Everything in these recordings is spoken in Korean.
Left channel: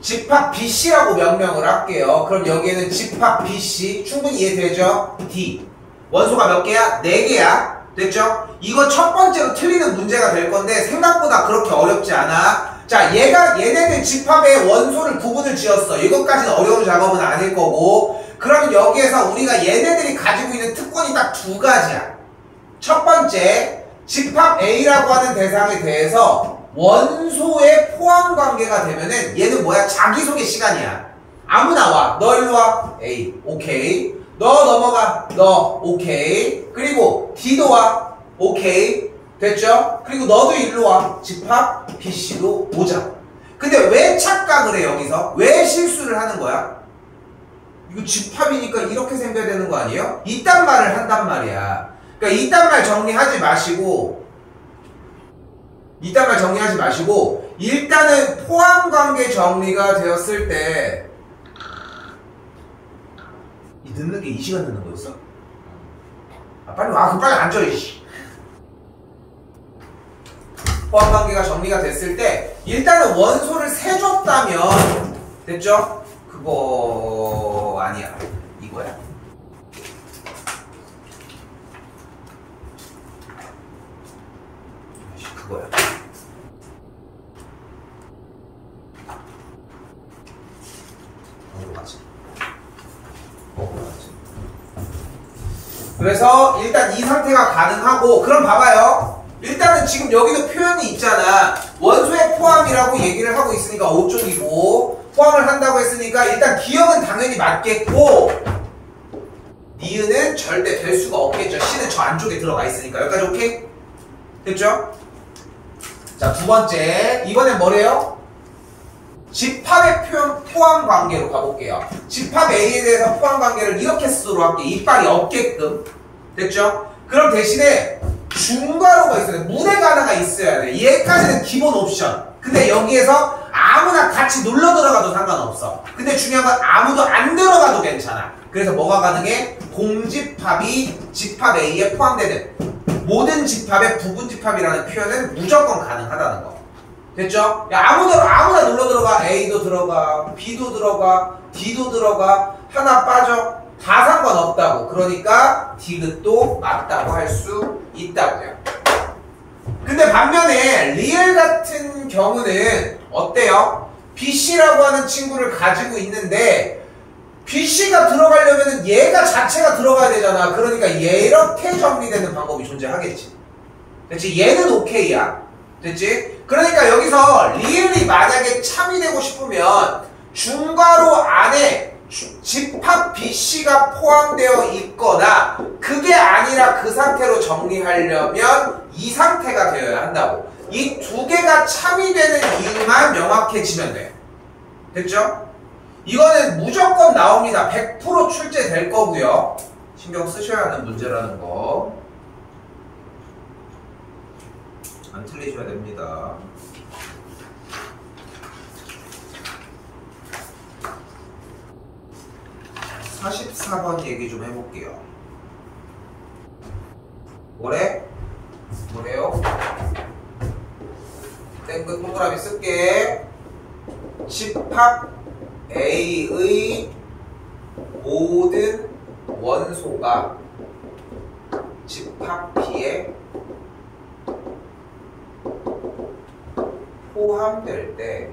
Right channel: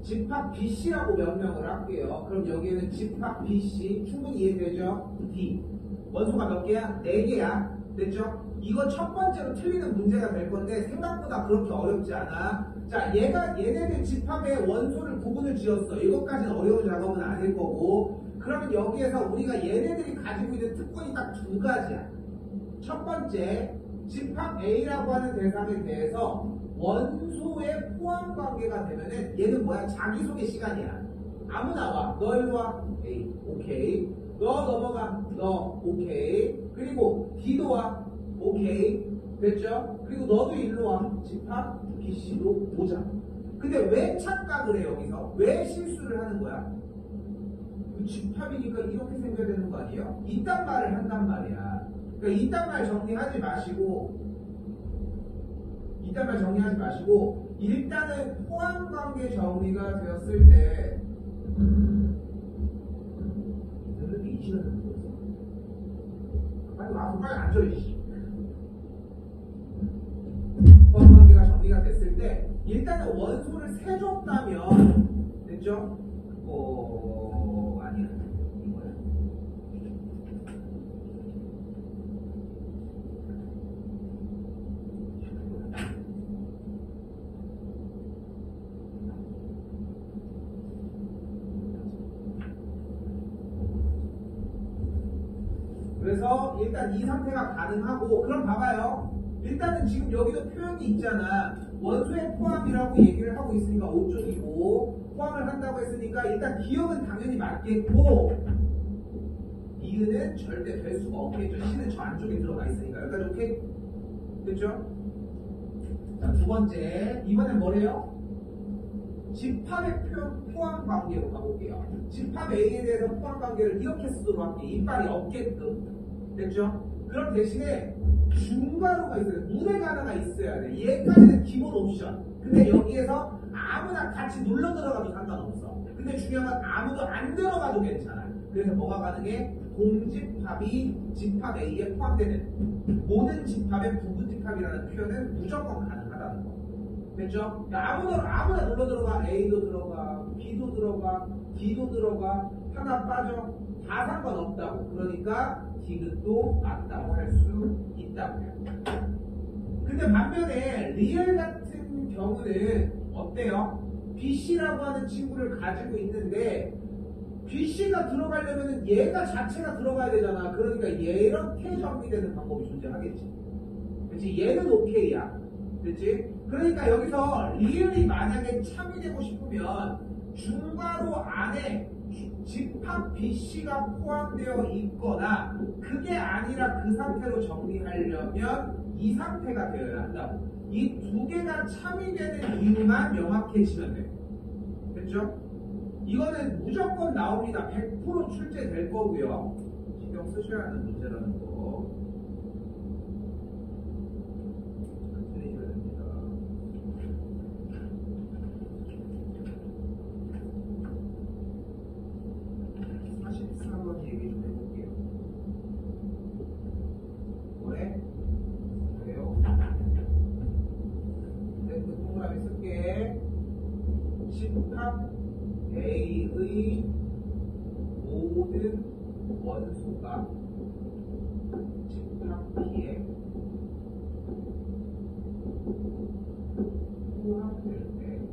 집합 BC라고 명명을 할게요. 그럼 여기에는 집합 BC 충분히 이해되죠? D 원소가 몇 개야? 4개야. 됐죠? 이거 첫 번째로 틀리는 문제가 될 건데 생각보다 그렇게 어렵지 않아. 자, 얘네들 집합의 원소를 구분을 지었어. 이것까지는 어려운 작업은 아닐 거고. 그러면 여기에서 우리가 얘네들이 가지고 있는 특권이 딱 2가지야. 첫 번째, 집합 A라고 하는 대상에 대해서 원소의 포함 관계가 되면은 얘는 뭐야? 자기소개 시간이야. 아무나 와. 너 일로 와. A. 오케이. 너 넘어가. 너. 오케이. 그리고 D도 와. 오케이. 됐죠? 그리고 너도 일로 와. 집합 BC도 오자. 근데 왜 착각을 해 여기서? 왜 실수를 하는 거야? 이거 집합이니까 이렇게 생겨야 되는 거 아니에요? 이딴 말을 한단 말이야. 그러니까 이딴 말 정리하지 마시고 일단은 포함관계 정리가 되었을 때 이 늦는 게 이 시간 늦는 거였어? 아, 빨리 와. 빨리 앉아. 이씨. 포함관계가 정리가 됐을 때 일단은 원소를 세줬다면 됐죠? 그거 아니야. 이거야. 그거야. 그래서 일단 이 상태가 가능하고 그럼 봐봐요. 일단은 지금 여기도 표현이 있잖아. 원소의 포함이라고 얘기를 하고 있으니까 5쪽이고 포함을 한다고 했으니까 일단 기억은 당연히 맞겠고 니은은 절대 될 수가 없겠죠. C는 저 안쪽에 들어가 있으니까. 여기까지 오케이? 됐죠? 자, 두 번째. 이번엔 뭐래요? 집합의 포함 관계로 가볼게요. 집합 A에 대해서 포함 관계를 이렇게 쓰도록 할게요. 이빨이 없게끔. 됐죠? 그럼 대신에 중괄호가 있어야 돼. 문해가 하나가 있어야 돼. 얘까지는 기본 옵션. 근데 여기에서 아무나 같이 눌러 들어가도 상관없어. 근데 중요한 건 아무도 안 들어가도 괜찮아. 그래서 뭐가 가능해? 공집합이 집합 A에 포함되는 모든 집합의 부분 집합이라는 표현은 무조건 가능하다는 거. 됐죠? 야, 아무나 눌러 들어가. A도 들어가, B도 들어가, D도 들어가. 하나 빠져. 다 상관없다고. 그러니까 디귿도 맞다고 할 수 있다고요. 근데 반면에 리을 같은 경우는 어때요? BC라고 하는 친구를 가지고 있는데 BC가 들어가려면 얘가 자체가 들어가야 되잖아. 그러니까 이렇게 정리되는 방법이 존재하겠지. 됐지? 얘는 오케이야. 됐지? 그러니까 여기서 리을이 만약에 참이 되고 싶으면 중괄호 안에 집합 BC가 포함되어 있거나 그게 아니라 그 상태로 정리하려면 이 상태가 되어야 한다고. 이 두 개가 참이 되는 이유만 명확해지면 돼. 됐죠? 이거는 무조건 나옵니다. 100% 출제될 거고요. 신경 쓰셔야 하는 문제라는 거. 안 틀리셔야 됩니다. 44번 얘기 좀 해볼게요. 뭐래요? 땡끝 동그라미 쓸게. 집합 A의 모든 원소가 집합 B에 포함될 때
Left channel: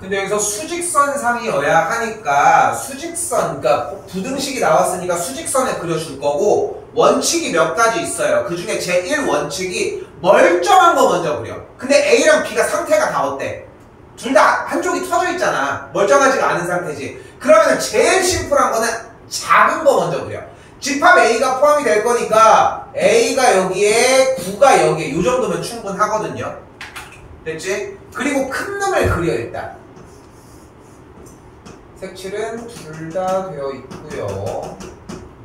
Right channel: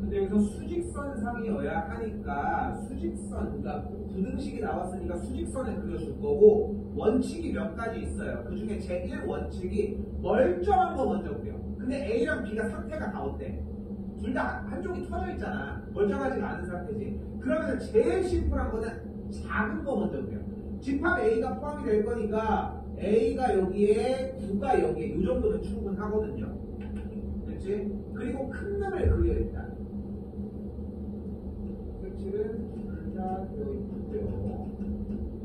근데 여기서 수직선상이어야 하니까 수직선, 그러니까 부등식이 나왔으니까 수직선에 그려줄 거고 원칙이 몇 가지 있어요. 그 중에 제1원칙이 멀쩡한 거 먼저 그려. 근데 A랑 B가 상태가 다 어때? 둘 다 한쪽이 터져 있잖아. 멀쩡하지가 않은 상태지. 그러면 제일 심플한 거는 작은 거 먼저 그려. 집합 A가 포함이 될 거니까 A가 여기에 9가 여기에 이 정도면 충분하거든요. 됐지? 그리고 큰 놈을 그려 일단. 색칠은 둘 다 되어 있고요.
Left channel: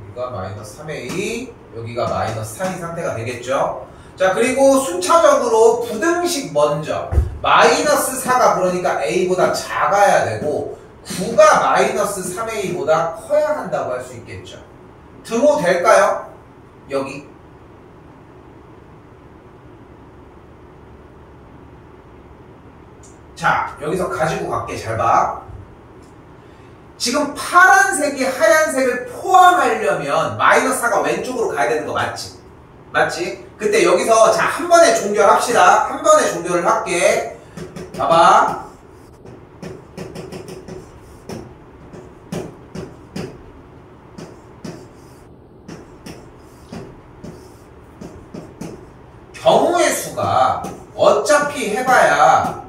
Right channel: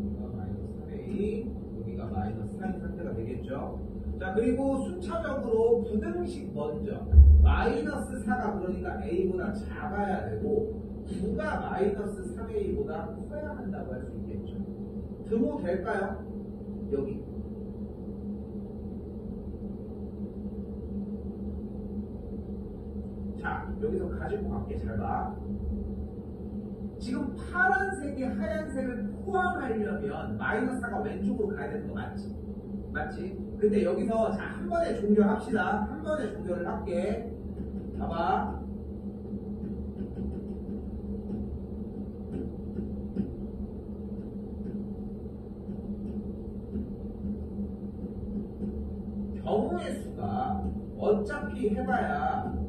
여기가 마이너스 3A, 여기가 마이너스 4인 상태가 되겠죠. 자, 그리고 순차적으로 부등식 먼저. 마이너스 4가 그러니까 A보다 작아야 되고 9가 마이너스 3A보다 커야 한다고 할 수 있겠죠. 등호 될까요? 여기 자, 여기서 가지고 갈게. 잘 봐. 지금 파란색이 하얀색을 포함하려면 마이너스 4가 왼쪽으로 가야 되는 거 맞지? 맞지? 근데 여기서 자, 한 번에 종결합시다. 한 번에 종결을 할게. 봐봐. 경우의 수가 어차피 해봐야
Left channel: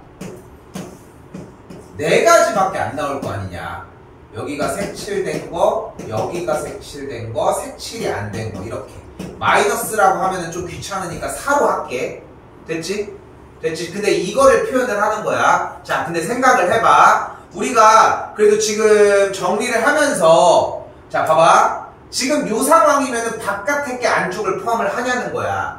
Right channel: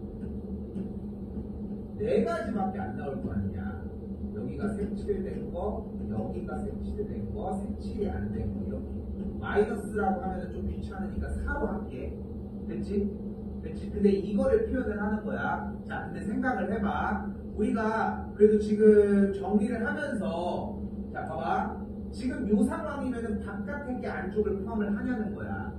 4가지밖에 안 나올 거 아니냐. 여기가 색칠된 거, 여기가 색칠된 거, 색칠이 안 된 거 이렇게. 마이너스라고 하면은 좀 귀찮으니까 4로 할게. 됐지? 됐지? 근데 이거를 표현을 하는 거야. 자, 근데 생각을 해봐. 우리가 그래도 지금 정리를 하면서 자, 봐봐. 지금 요 상황이면은 바깥에 게 안쪽을 포함을 하냐는 거야.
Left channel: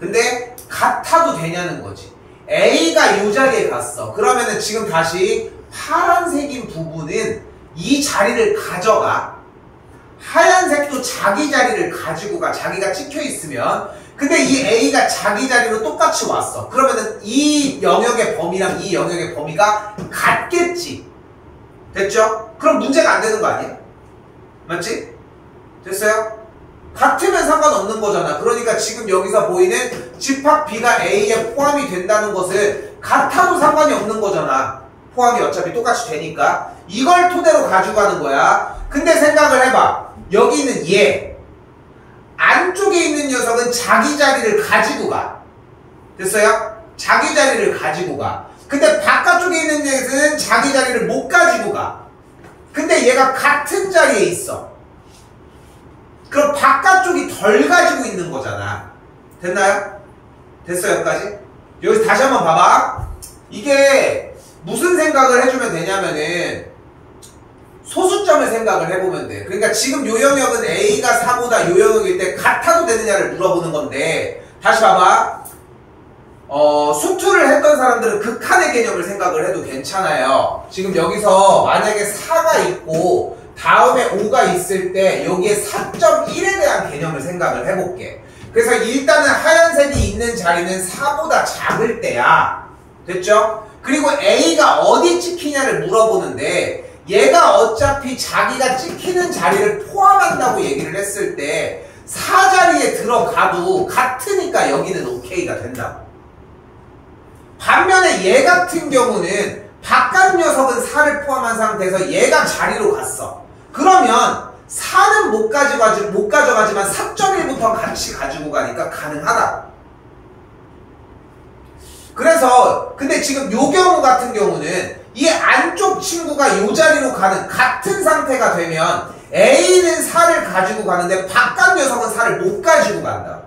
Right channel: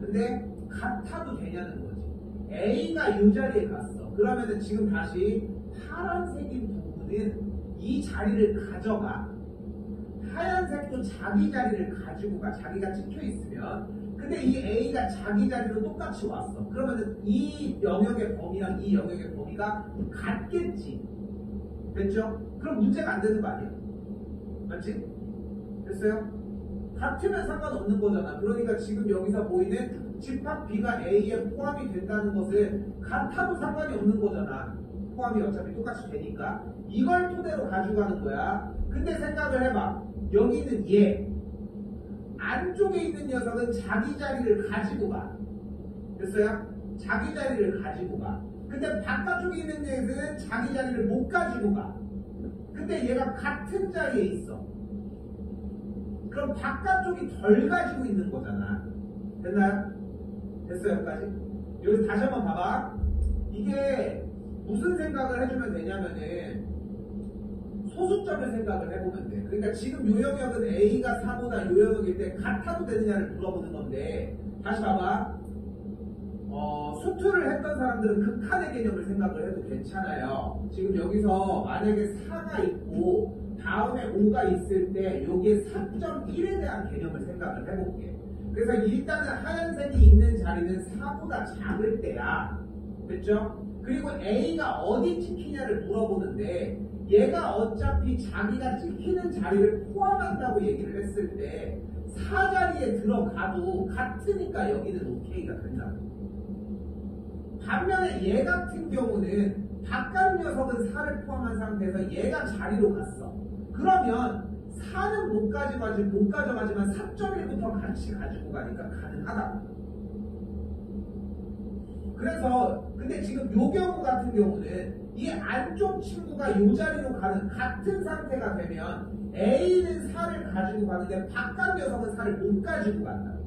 근데 같아도 되냐는 거지. A가 요 자리에 갔어. 그러면은 지금 다시 파란색인 부분은 이 자리를 가져가. 하얀색도 자기 자리를 가지고 가. 자기가 찍혀 있으면. 근데 이 A가 자기 자리로 똑같이 왔어. 그러면은 이 영역의 범위랑 이 영역의 범위가 같겠지. 됐죠? 그럼 문제가 안 되는 거 아니야? 맞지? 됐어요? 같으면 상관없는 거잖아. 그러니까 지금 여기서 보이는 집합 B가 A에 포함이 된다는 것은 같아도 상관이 없는 거잖아. 포함이 어차피 똑같이 되니까. 이걸 토대로 가지고 가는 거야. 근데 생각을 해봐. 여기 있는 얘 안쪽에 있는 녀석은 자기 자리를 가지고 가. 됐어요? 자기 자리를 가지고 가. 근데 바깥쪽에 있는 녀석은 자기 자리를 못 가지고 가. 근데 얘가 같은 자리에 있어. 그럼 바깥쪽이 덜 가지고 있는 거잖아. 됐나요? 됐어요? 여기까지? 여기서 다시 한번 봐봐. 이게 무슨 생각을 해주면 되냐면은 소수점을 생각을 해보면 돼. 그러니까 지금 요 영역은 A가 4보다 요 영역일 때 같아도 되느냐를 물어보는 건데 다시 봐봐. 수투를 했던 사람들은 극한의 개념을 생각을 해도 괜찮아요. 지금 여기서 만약에 4가 있고 다음에 5가 있을 때 여기에 4.1에 대한 개념을 생각을 해볼게. 그래서 일단은 하얀색이 있는 자리는 4보다 작을 때야. 됐죠? 그리고 A가 어디 찍히냐를 물어보는데 얘가 어차피 자기가 찍히는 자리를 포함한다고 얘기를 했을 때 4자리에 들어가도 같으니까 여기는 OK가 된다고. 반면에 얘 같은 경우는 바깥 녀석은 4를 포함한 상태에서 얘가 자리로 갔어. 그러면 4는 못 가져가지만 4.1부터 같이 가지고 가니까 가능하다. 그래서 근데 지금 요 경우 같은 경우는 이 안쪽 친구가 요 자리로 가는 같은 상태가 되면 A는 4를 가지고 가는데 바깥 녀석은 4를 못 가지고 간다.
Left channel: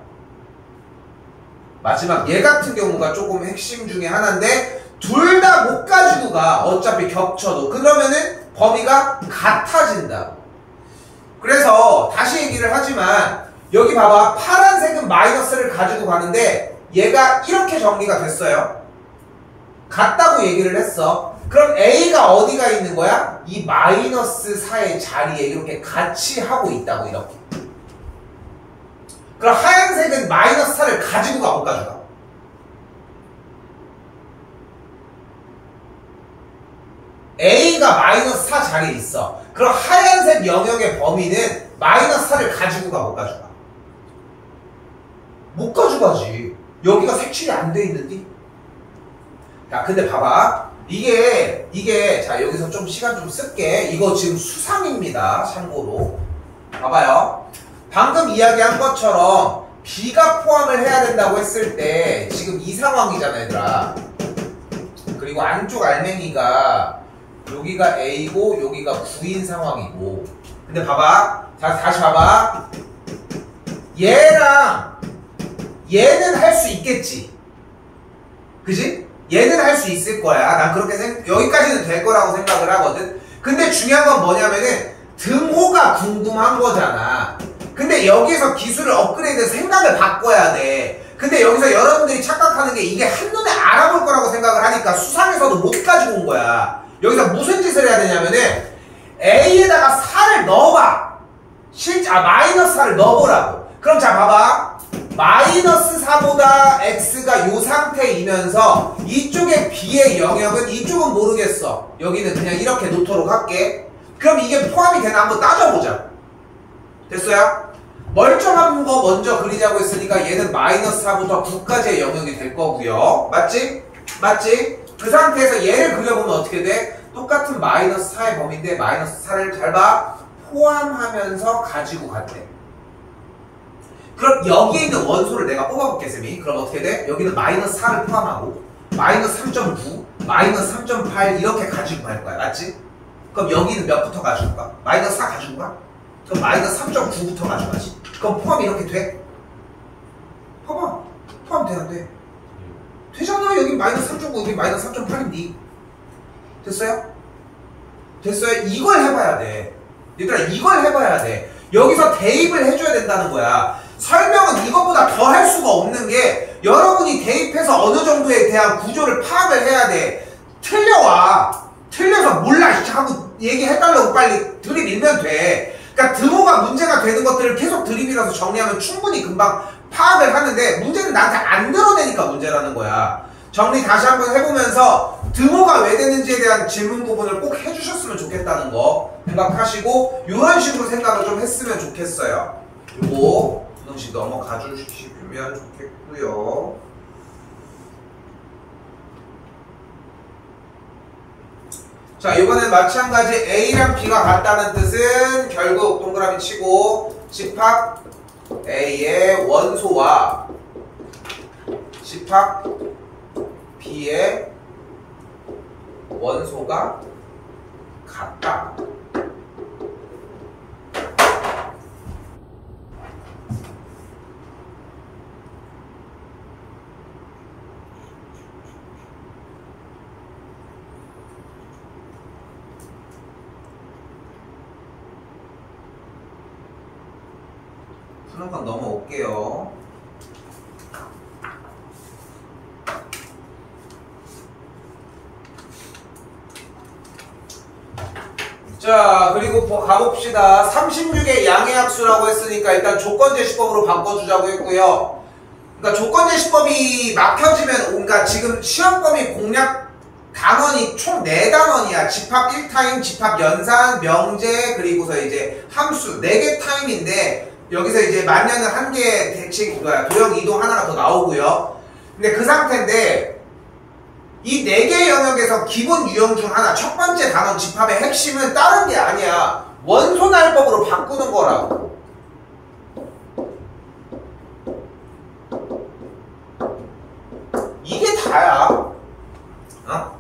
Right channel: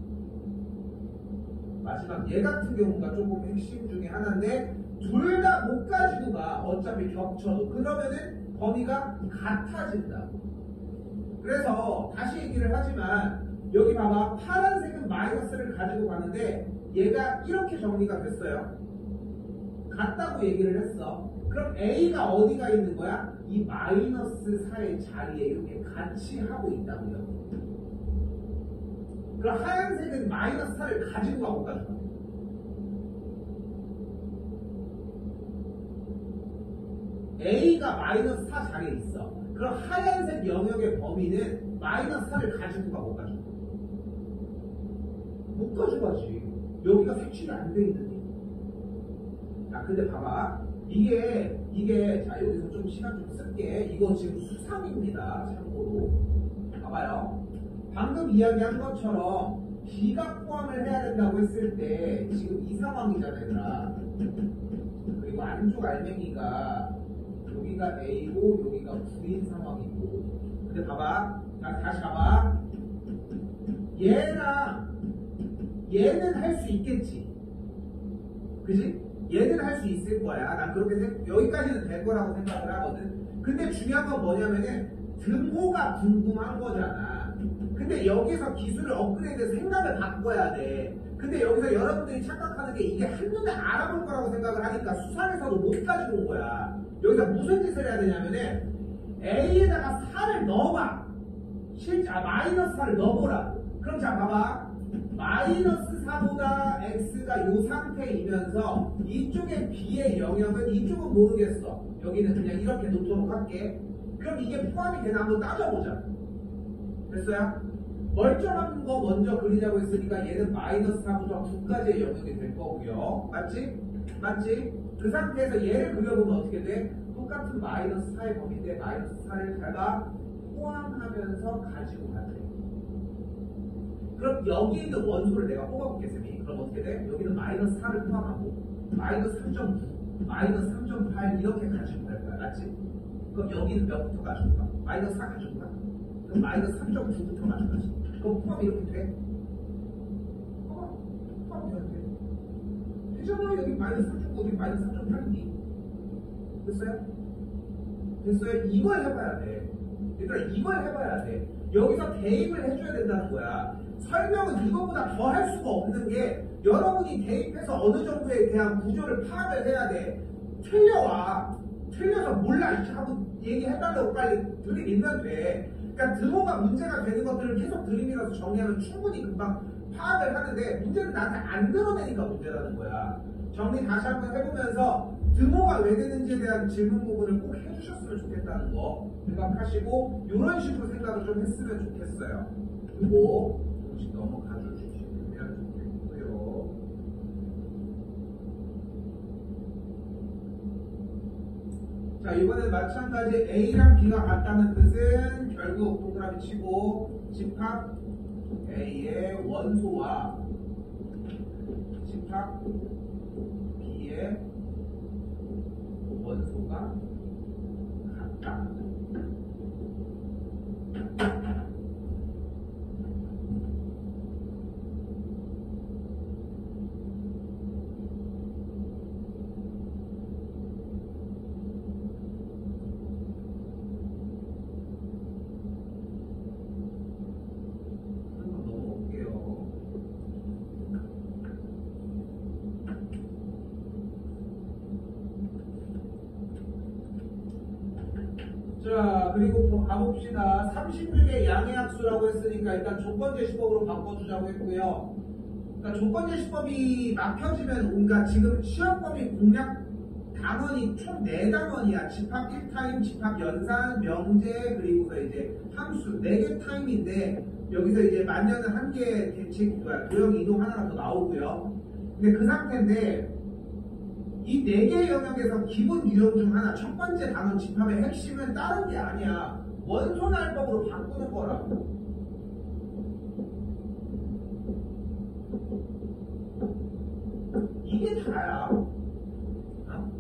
마지막 얘 같은 경우가 조금 핵심 중에 하나인데 둘 다 못 가지고 가. 어차피 겹쳐도. 그러면은 범위가 같아진다. 그래서 다시 얘기를 하지만 여기 봐봐. 파란색은 마이너스를 가지고 가는데 얘가 이렇게 정리가 됐어요. 같다고 얘기를 했어. 그럼 A가 어디가 있는 거야? 이 마이너스 4의 자리에 이렇게 같이 하고 있다고 이렇게. 그럼 하얀색은 마이너스 4를 가지고 가, 못 가져가? A가 마이너스 4 자리에 있어. 그럼 하얀색 영역의 범위는 마이너스 4를 가지고 가, 못 가져가? 못 가져가지. 여기가 색칠이 안 돼 있는데? 야, 근데 봐봐. 이게, 자, 여기서 좀 시간 좀 쓸게. 이거 지금 수상입니다. 참고로. 봐봐요. 방금 이야기한 것처럼 B가 포함을 해야 된다고 했을 때 지금 이 상황이잖아, 얘들아. 그리고 안쪽 알맹이가 여기가 A고 여기가 9인 상황이고. 근데 봐봐. 자, 다시 봐봐. 얘랑 얘는 할 수 있겠지. 그지? 얘는 할 수 있을 거야. 난 그렇게 여기까지는 될 거라고 생각을 하거든. 근데 중요한 건 뭐냐면은 등호가 궁금한 거잖아. 근데 여기서 기술을 업그레이드 생각을 바꿔야 돼. 근데 여기서 여러분들이 착각하는 게 이게 한눈에 알아볼 거라고 생각을 하니까 수상에서도 못 가지고 온 거야. 여기서 무슨 짓을 해야 되냐면은 A에다가 4를 넣어봐. 마이너스 4를 넣어보라고. 그럼 자, 봐봐. 마이너스 4 4보다 x가 요 상태이면서 이쪽에 b의 영역은 이쪽은 모르겠어. 여기는 그냥 이렇게 놓도록 할게. 그럼 이게 포함이 되나 한번 따져보자. 됐어요? 멀쩡한 거 먼저 그리자고 했으니까 얘는 마이너스 4부터 9까지의 영역이 될 거고요. 맞지? 맞지? 그 상태에서 얘를 그려보면 어떻게 돼? 똑같은 마이너스 4의 범위인데 마이너스 4를 잘 봐. 포함하면서 가지고 간대. 그럼 여기에 있는 원소를 내가 뽑아볼게, 쌤이. 그럼 어떻게 돼? 여기는 마이너스 4를 포함하고 마이너스 3.9, 마이너스 3.8 이렇게 가지고 갈 거야. 맞지? 그럼 여기는 몇부터 가지고 가? 마이너스 4 가지고 가? 그럼 마이너스 3.9부터 가져가지. 그럼 포함이 이렇게 돼? 봐봐. 포함 돼, 안 돼? 되잖아. 여기 마이너스 3.9, 여기 마이너스 3.8인데. 됐어요? 됐어요? 이걸 해봐야 돼. 얘들아, 이걸 해봐야 돼. 여기서 대입을 해줘야 된다는 거야. 설명은 이것보다 더 할 수가 없는 게 여러분이 대입해서 어느 정도에 대한 구조를 파악을 해야 돼. 틀려와. 틀려서 몰라 하고 얘기해달라고 빨리 들이밀면 돼. 그러니까 드모가 문제가 되는 것들을 계속 들이밀어서 정리하면 충분히 금방 파악을 하는데 문제는 나한테 안 드러내니까 문제라는 거야. 정리 다시 한번 해보면서 드모가 왜 되는지에 대한 질문 부분을 꼭 해주셨으면 좋겠다는 거 생각하시고 이런 식으로 생각을 좀 했으면 좋겠어요. 요거 두 번씩 넘어가 주시면 좋겠고요. 자, 이번엔 마찬가지 A랑 B가 같다는 뜻은 결국 동그라미 치고 집합 A의 원소와 집합 B의 원소가 같다. 푸는 건 넘어올게요. 자, 그리고 가봅시다. 36의 양의 합수라고 했으니까 일단 조건제시법으로 바꿔주자고 했고요. 그러니까 조건제시법이 막혀지면, 그러니까 지금 시험범위 공략 단원이 총 4단원이야. 집합 1타임, 집합 연산, 명제, 그리고서 이제 함수 4개 타임인데 여기서 이제 만년은 1개 대칭, 도형 이동 하나가 더 나오고요. 근데 그 상태인데 이 4개 영역에서 기본 유형 중 하나, 첫 번째 단원 집합의 핵심은 다른 게 아니야. 원소날법으로 바꾸는 거라고. 이게 다야. 어?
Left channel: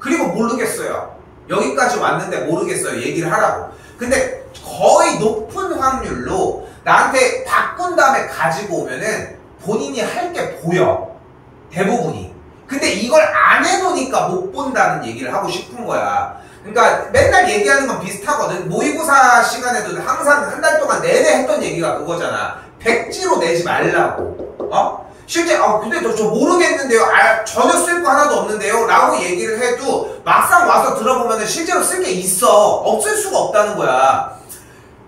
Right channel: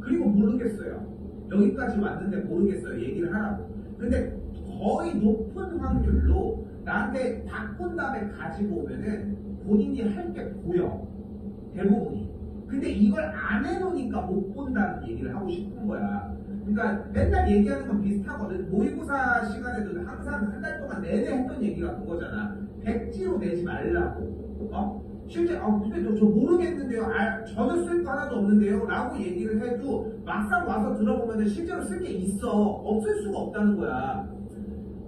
그리고 모르겠어요. 여기까지 왔는데 모르겠어요. 얘기를 하라고. 근데 거의 높은 확률로 나한테 바꾼 다음에 가지고 오면은 본인이 할 게 보여. 대부분이. 근데 이걸 안 해놓으니까 못 본다는 얘기를 하고 싶은 거야. 그러니까 맨날 얘기하는 건 비슷하거든. 모의고사 시간에도 항상 한 달 동안 내내 했던 얘기가 그거잖아. 백지로 내지 말라고. 어? 실제 근데 저 모르겠는데요. 전혀 쓸 거 하나도 없는데요. 라고 얘기를 해도 막상 와서 들어보면 실제로 쓸 게 있어. 없을 수가 없다는 거야.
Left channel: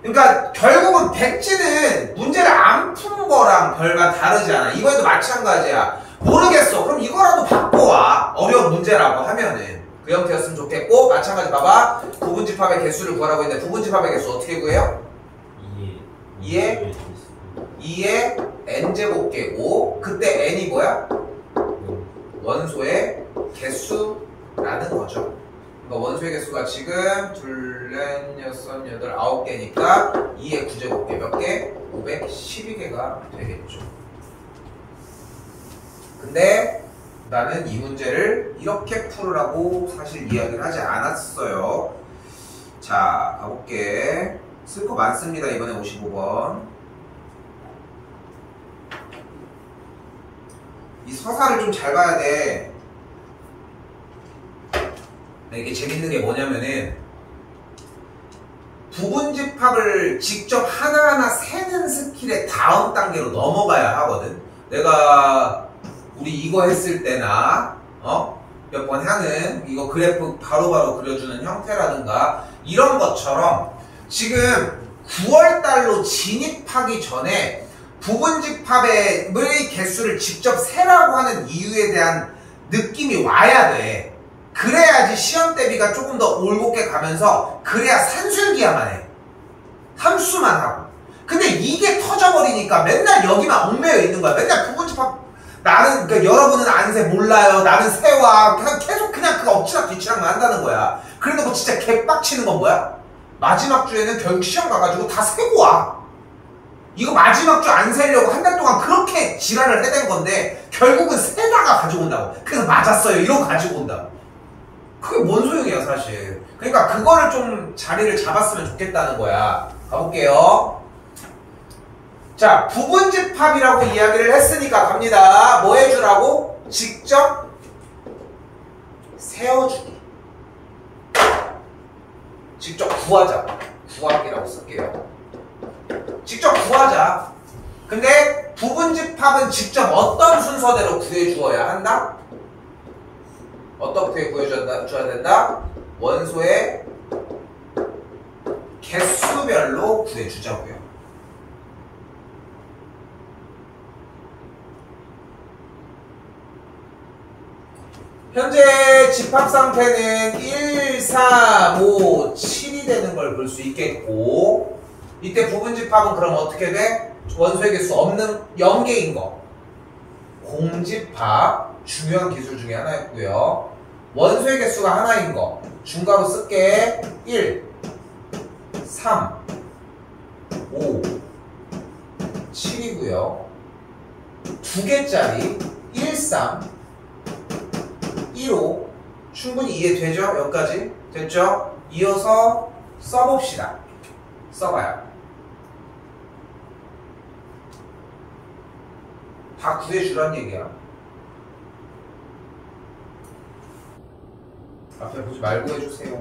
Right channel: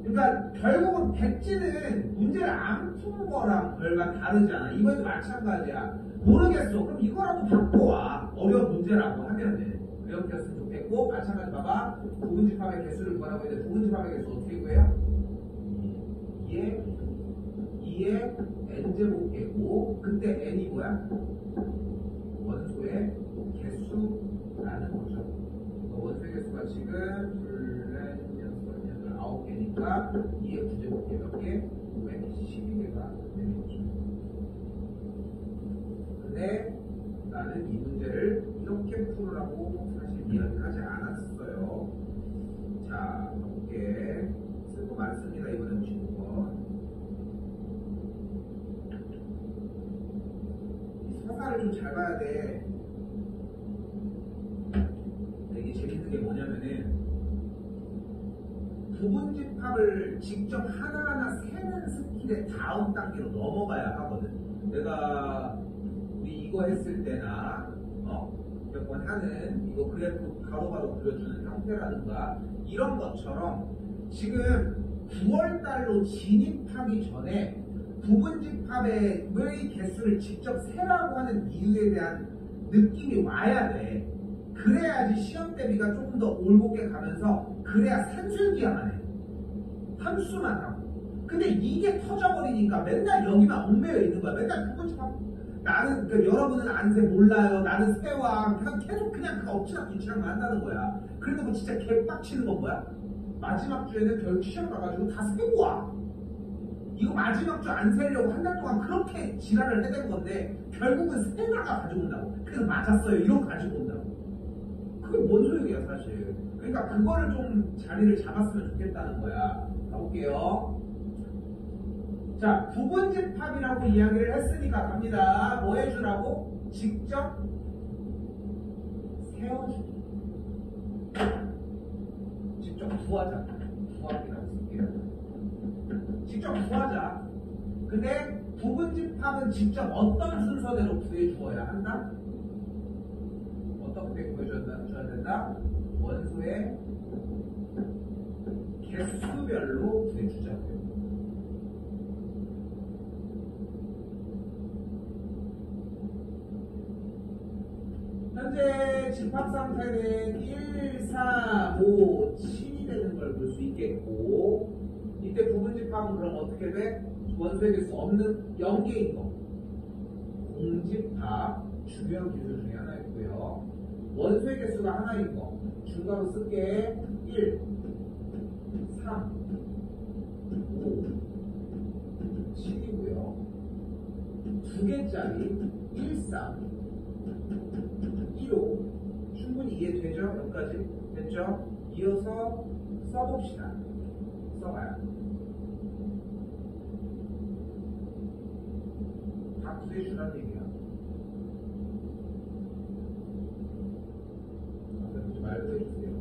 그러니까 결국은 백지는 문제를 안 푼 거랑 별반 다르지 않아. 이번에도 마찬가지야. 모르겠어. 그럼 이거라도 바꿔와. 어려운 문제라고 하면은. 그 형태였으면 좋겠고, 마찬가지 봐봐. 부분집합의 개수를 구하라고 했는데 부분집합의 개수 어떻게 구해요? 2의 n제곱 깨고, 그때 n이 뭐야? 원소의 개수라는 거죠. 그러니까 원소의 개수가 지금 둘, 넷, 여섯, 여덟, 9개니까 2의 9제곱 개 몇 개? 512개가 되겠죠. 근데 나는 이 문제를 이렇게 풀으라고 사실 이야기를 하지 않았어요. 자, 가볼게. 쓸 거 많습니다. 이번에 55번. 이 서사를 좀 잘 봐야 돼. 이게 재밌는 게 뭐냐면은 부분집합을 직접 하나하나 세는 스킬의 다음 단계로 넘어가야 하거든. 내가 우리 이거 했을 때나 몇 번 하는 이거 그래프 바로바로 그려주는 형태라든가 이런 것처럼 지금 9월달로 진입하기 전에 부분집합의 개수를 직접 세라고 하는 이유에 대한 느낌이 와야 돼. 그래야지 시험 대비가 조금 더 올곧게 가면서 그래야 산술기야만 해. 함수만 하고. 근데 이게 터져버리니까 맨날 여기만 얽매여 있는 거야. 맨날 부분집합 나는 그러니까 여러분은 안세 몰라요. 나는 세와 계속 그냥 그 엎치락 뒤치락만 한다는 거야. 그래놓고 진짜 개빡치는 건 뭐야? 마지막 주에는 결국 시험 가가지고 다 세고 와. 이거 마지막 주 안 세려고 한 달 동안 그렇게 지랄을 해댄 건데 결국은 세다가 가지고 온다고. 그래서 맞았어요 이러고 가지고 온다고. 그게 뭔 소용이야 사실. 그러니까 그거를 좀 자리를 잡았으면 좋겠다는 거야. 가볼게요. 자, 부분집합이라고 이야기를 했으니까 갑니다. 뭐 해주라고? 직접 세워주기. 직접 구하자고. 구하기라고 쓸게요. 직접 구하자. 근데 부분집합은 직접 어떤 순서대로 구해주어야 한다? 어떻게 구해줘야 된다? 원소의 개수별로 구해주자고요. 현재 집합 상태는 1, 3, 5, 7이 되는 걸 볼 수 있겠고, 이때 부분집합은 그럼 어떻게 돼? 원소의 개수 없는 0개인 거. 공집합, 중요한 기술 중에 하나였고요. 원소의 개수가 하나인 거. 중괄호 쓸게. 1, 3, 5, 7이고요. 두 개짜리 1, 3, 1, 5 충분히 이해되죠? 여기까지 됐죠? 이어서 써봅시다. 써봐요. 다 구해주란 얘기야. 앞에 보지 말고 해주세요.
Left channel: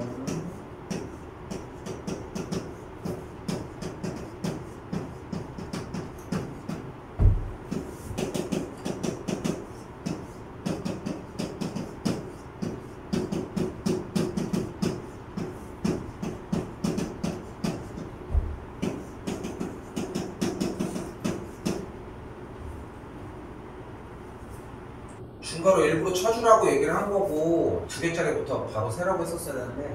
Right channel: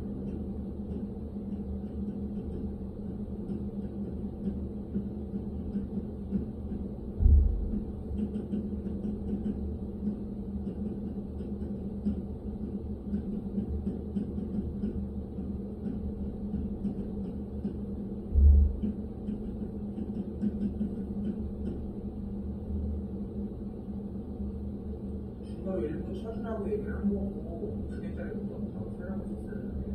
중괄호 일부러 쳐주라고 얘기를 한 거고 두 개짜리부터 바로 세라고 했었어야 되는데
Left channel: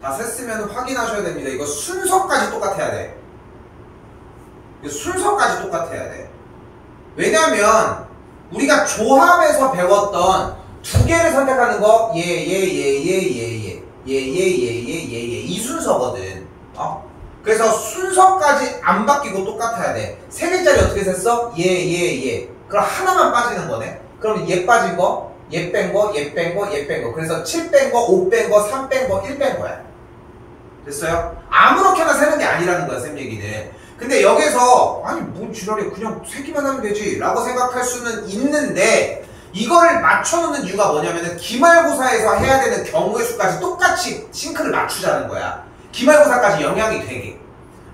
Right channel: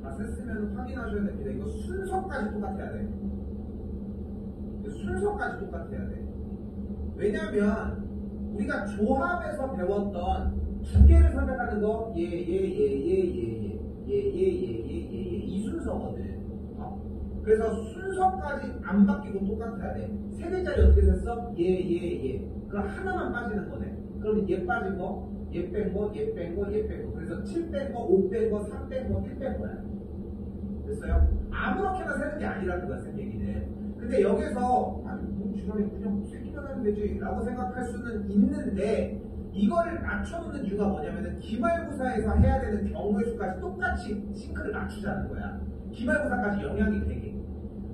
다 셌으면 확인하셔야 됩니다. 이거 순서까지 똑같아야 돼. 이거 순서까지 똑같아야 돼. 왜냐면 우리가 조합에서 배웠던 두 개를 선택하는 거 이 순서거든. 그래서 순서까지 안 바뀌고 똑같아야 돼. 세 개짜리 어떻게 셌어? 그럼 하나만 빠지는 거네. 그럼 얘 빠진 거, 얘 뺀 거, 얘 뺀 거, 얘 뺀 거. 그래서 7 뺀 거, 5 뺀 거, 3 뺀 거, 1 뺀 거야. 됐어요? 아무렇게나 세는 게 아니라는 거야, 쌤 얘기는. 근데 여기서 아니 뭔 지랄이야, 그냥 세기만 하면 되지 라고 생각할 수는 있는데, 이거를 맞춰놓는 이유가 뭐냐면은 기말고사에서 해야 되는 경우의 수까지 똑같이 싱크를 맞추자는 거야. 기말고사까지 영향이 되게.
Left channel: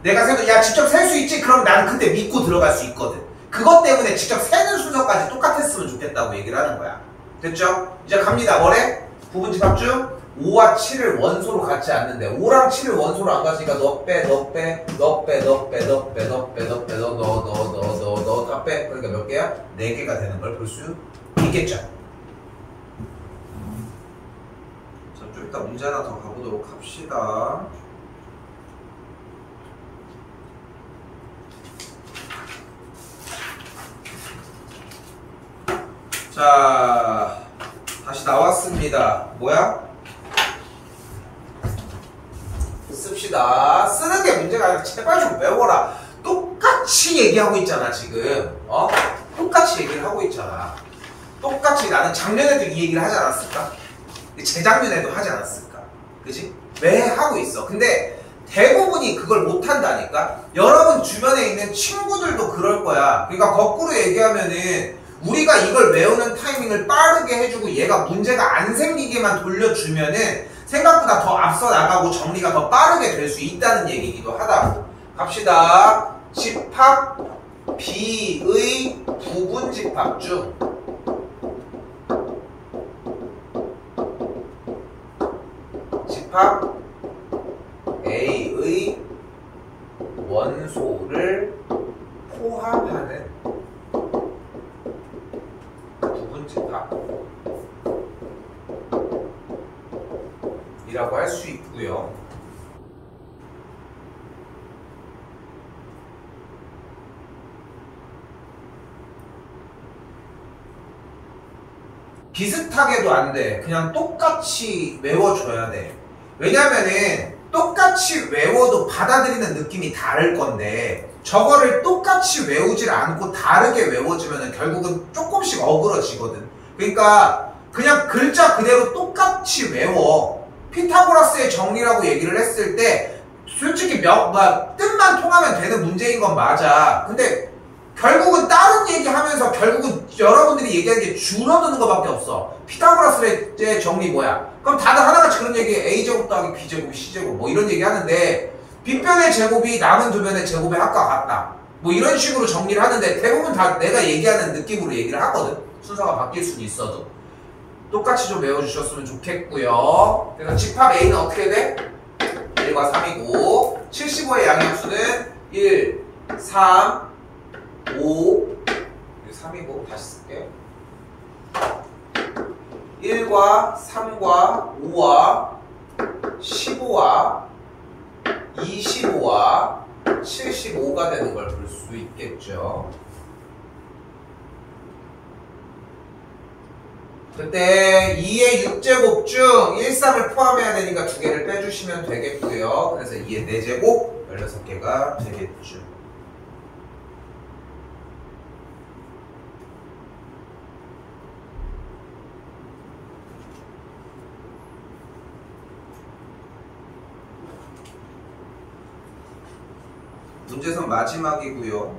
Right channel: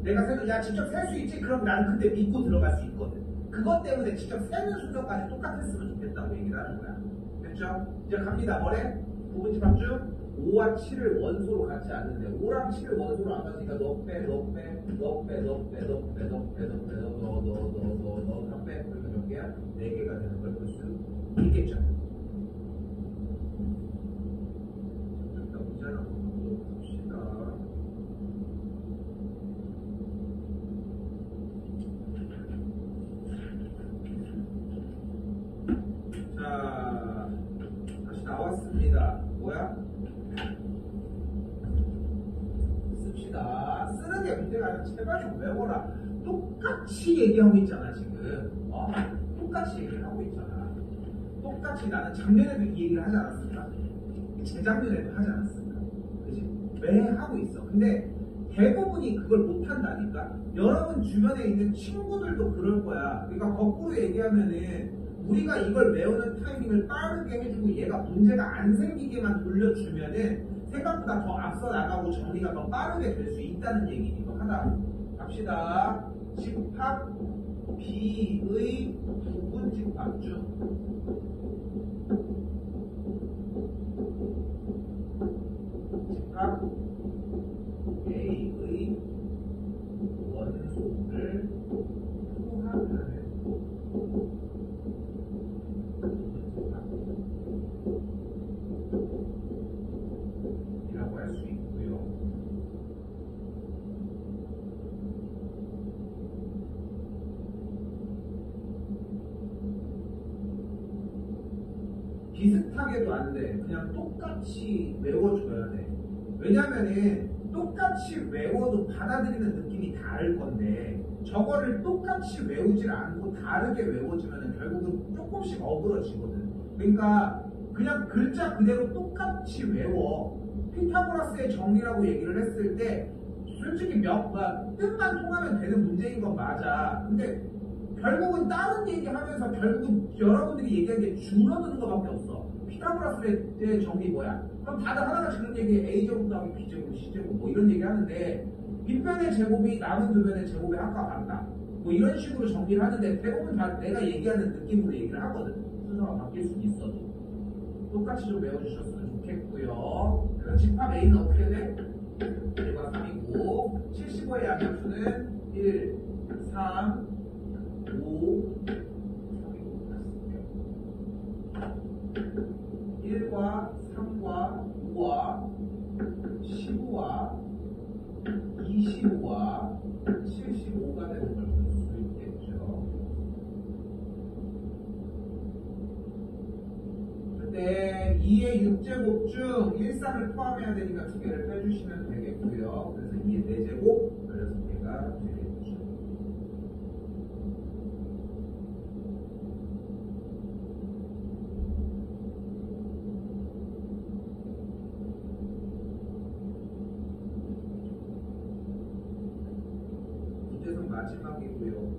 내가 세도 야 직접 셀 수 있지? 그럼 나는 그때 믿고 들어갈 수 있거든. 그것 때문에 직접 세는 순서까지 똑같았으면 좋겠다고 얘기를 하는 거야. 됐죠? 이제 갑니다. 뭐래? 부분집합 중 5와 7을 원소로 갖지 않는데 5랑 7을 원소로 안 가지니까 너 빼 다 빼. 그러니까 몇 개야? 4개가 되는 걸 볼 수 있겠죠? 자, 좀 이따 문제 하나 더 가보도록 합시다. 자, 다시 나왔습니다. 뭐야? 씁시다. 쓰는 게 문제가 아니라 제발 좀 외워라. 똑같이 얘기하고 있잖아 지금. 똑같이 얘기를 하고 있잖아. 똑같이 나는 작년에도 이 얘기를 하지 않았을까? 재작년에도 하지 않았을까? 그치? 왜 하고 있어? 근데 대부분이 그걸 못한다니까? 여러분 주변에 있는 친구들도 그럴 거야. 그러니까 거꾸로 얘기하면은 우리가 이걸 외우는 타이밍을 빠르게 해주고 얘가 문제가 안 생기게만 돌려주면은 생각보다 더 앞서 나가고 정리가 더 빠르게 될 수 있다는 얘기이기도 하다고. 갑시다. 집합 B의 부분집합 중 집합 A의 원소를 포함하는 부분집합 이라고 할 수 있고요. 비슷하게도 안 돼. 그냥 똑같이 외워줘야 돼. 왜냐면은 똑같이 외워도 받아들이는 느낌이 다를 건데 저거를 똑같이 외우질 않고 다르게 외워지면 결국은 조금씩 어그러지거든. 그러니까 그냥 글자 그대로 똑같이 외워. 피타고라스의 정리라고 얘기를 했을 때 솔직히 뜻만 통하면 되는 문제인 건 맞아. 근데 결국은 다른 얘기하면서 결국은 여러분들이 얘기하는 게 줄어드는 것밖에 없어. 피타고라스의 정리 뭐야? 그럼 다들 하나같이 그런 얘기 A제곱 더하기 B제곱 C제곱 뭐 이런 얘기 하는데 빗변의 제곱이 남은 두 변의 제곱의 합과 같다. 뭐 이런 식으로 정리를 하는데 대부분 다 내가 얘기하는 느낌으로 얘기를 하거든. 순서가 바뀔 수는 있어도. 똑같이 좀 외워주셨으면 좋겠고요. 그래서 집합 A는 어떻게 돼? 1과 3이고 75의 양역수는 1, 3, 5, 3이고 다시 쓸게요. 1과 3과 5와 15와 25와 75가 되는 걸 볼 수 있겠죠. 그때 2의 6제곱 중 1, 3을 포함해야 되니까 2개를 빼주시면 되겠고요. 그래서 2의 4제곱 16개가 되겠죠. 문제선 마지막이고요.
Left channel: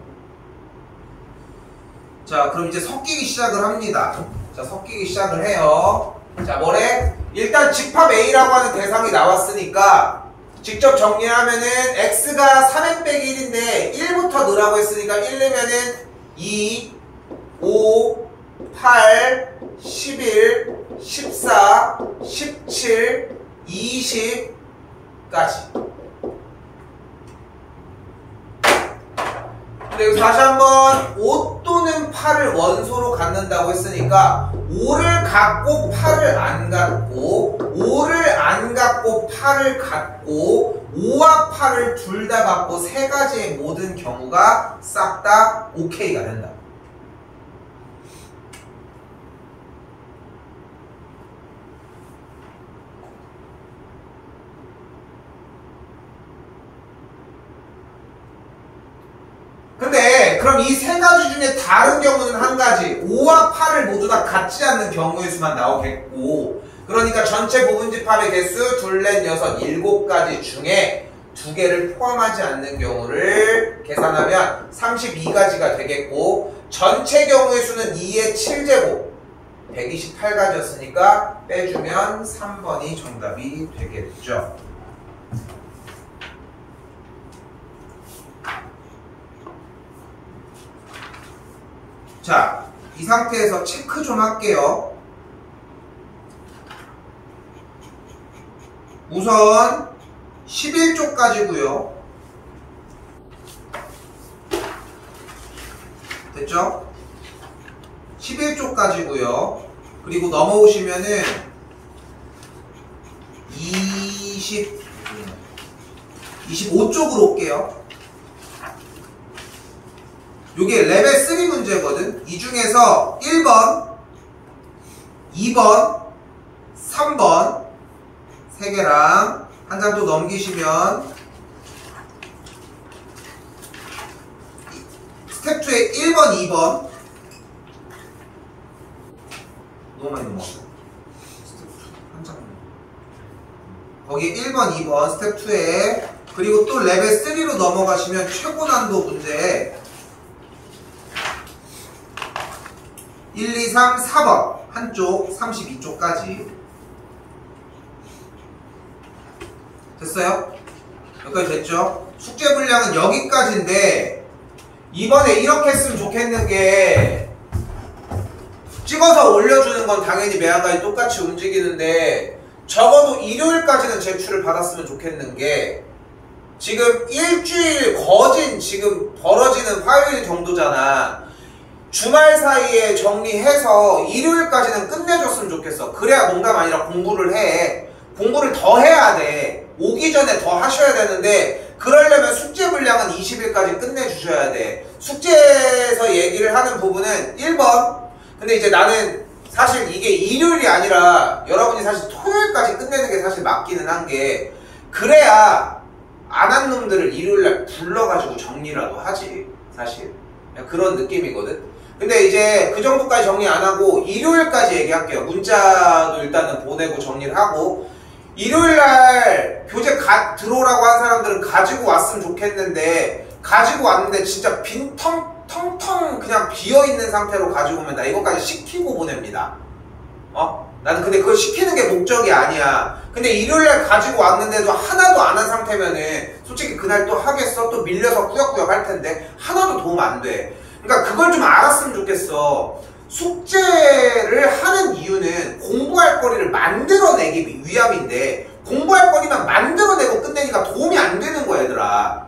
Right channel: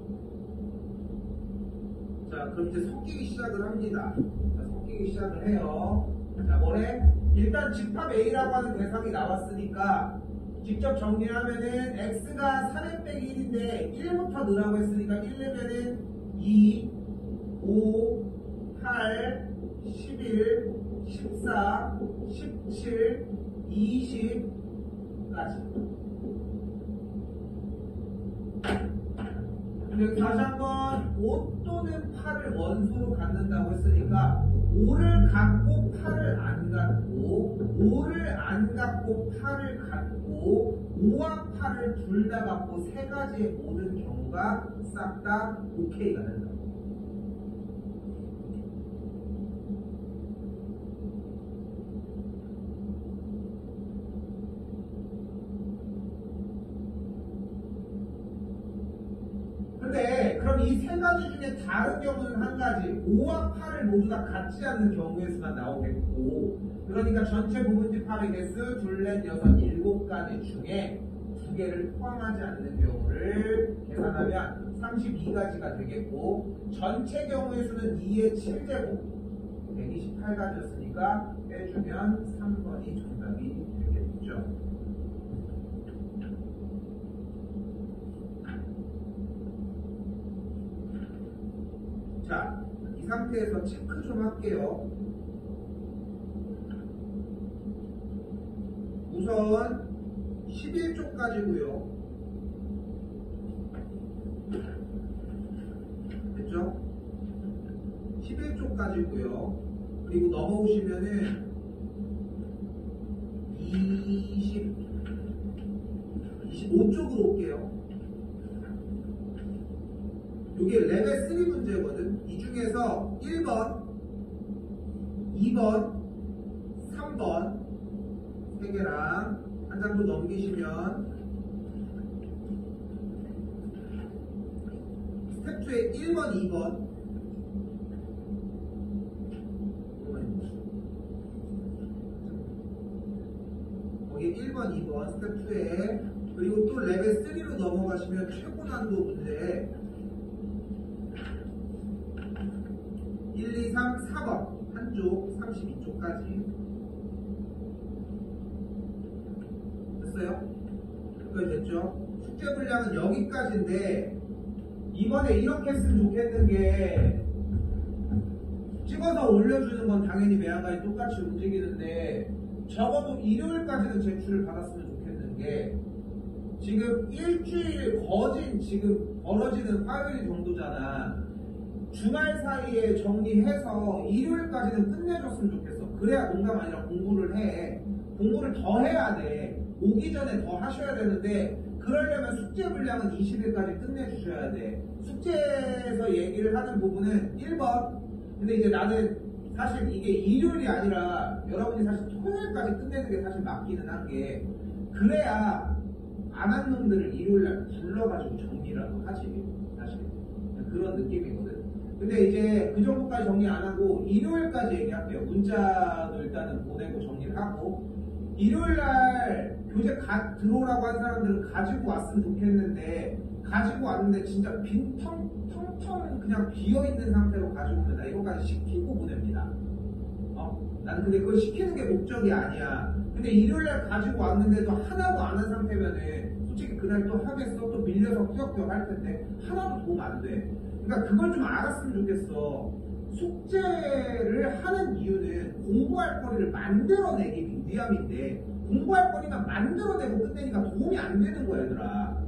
자, 그럼 이제 섞이기 시작을 합니다. 자, 섞이기 시작을 해요. 자, 뭐래? 일단 집합 A라고 하는 대상이 나왔으니까 직접 정리하면은 X가 3n 빼기 1인데 1부터 넣으라고 했으니까 1 넣으면은 2, 5, 8, 11, 14, 17, 20까지. 근데 다시 한번 5 또는 8을 원소로 갖는다고 했으니까 5를 갖고 8을 안 갖고 5를 안 갖고 8을 갖고 5와 8을 둘 다 갖고 세 가지의 모든 경우가 싹 다 OK가 된다. 근데 그럼 이 세 가지 중에 다른 경우는 한 가지 5와 8을 모두 다 같지 않는 경우의 수만 나오겠고 그러니까 전체 부분집합의 개수 둘, 넷, 여섯, 7가지 중에 2개를 포함하지 않는 경우를 계산하면 32가지가 되겠고 전체 경우의 수는 2의 7제곱 128가지였으니까 빼주면 3번이 정답이 되겠죠. 자, 이 상태에서 체크 좀 할게요. 우선 11쪽까지고요. 됐죠? 11쪽까지고요. 그리고 넘어오시면은 25쪽으로 올게요. 요게 레벨 3 문제거든. 이 중에서 1번, 2번, 3번 3개랑 한 장 더 넘기시면 스텝 2에 1번, 2번 너무 많이 넘어갔어. 한 장. 거기 1번, 2번 스텝 2에 그리고 또 레벨 3로 넘어가시면 최고 난도 문제 1, 2, 3, 4번 한쪽 32쪽까지 됐어요? 여기까지 됐죠? 숙제 분량은 여기까지인데 이번에 이렇게 했으면 좋겠는 게 찍어서 올려주는 건 당연히 매한가지 똑같이 움직이는데 적어도 일요일까지는 제출을 받았으면 좋겠는 게 지금 일주일 거진 지금 벌어지는 화요일 정도잖아. 주말 사이에 정리해서 일요일까지는 끝내줬으면 좋겠어. 그래야 농담 아니라 공부를 해. 공부를 더 해야 돼. 오기 전에 더 하셔야 되는데 그러려면 숙제 분량은 20일까지 끝내주셔야 돼. 숙제에서 얘기를 하는 부분은 1번. 근데 이제 나는 사실 이게 일요일이 아니라 여러분이 사실 토요일까지 끝내는 게 사실 맞기는 한 게 그래야 안 한 놈들을 일요일날 불러가지고 정리라도 하지. 사실 그런 느낌이거든. 근데 이제 그 정도까지 정리 안 하고 일요일까지 얘기할게요. 문자도 일단은 보내고 정리를 하고 일요일날 교재 들어오라고 한 사람들은 가지고 왔으면 좋겠는데 가지고 왔는데 진짜 텅텅 그냥 비어있는 상태로 가지고 오면 나 이것까지 시키고 보냅니다. 나는 근데 그걸 시키는 게 목적이 아니야. 근데 일요일날 가지고 왔는데도 하나도 안 한 상태면은 솔직히 그날 또 하겠어? 또 밀려서 꾸역꾸역 할 텐데 하나도 도움 안 돼. 그러니까 그걸 좀 알았으면 좋겠어. 숙제를 하는 이유는 공부할 거리를 만들어내기 위함인데 공부할 거리만 만들어내고 끝내니까 도움이 안 되는 거야 얘들아.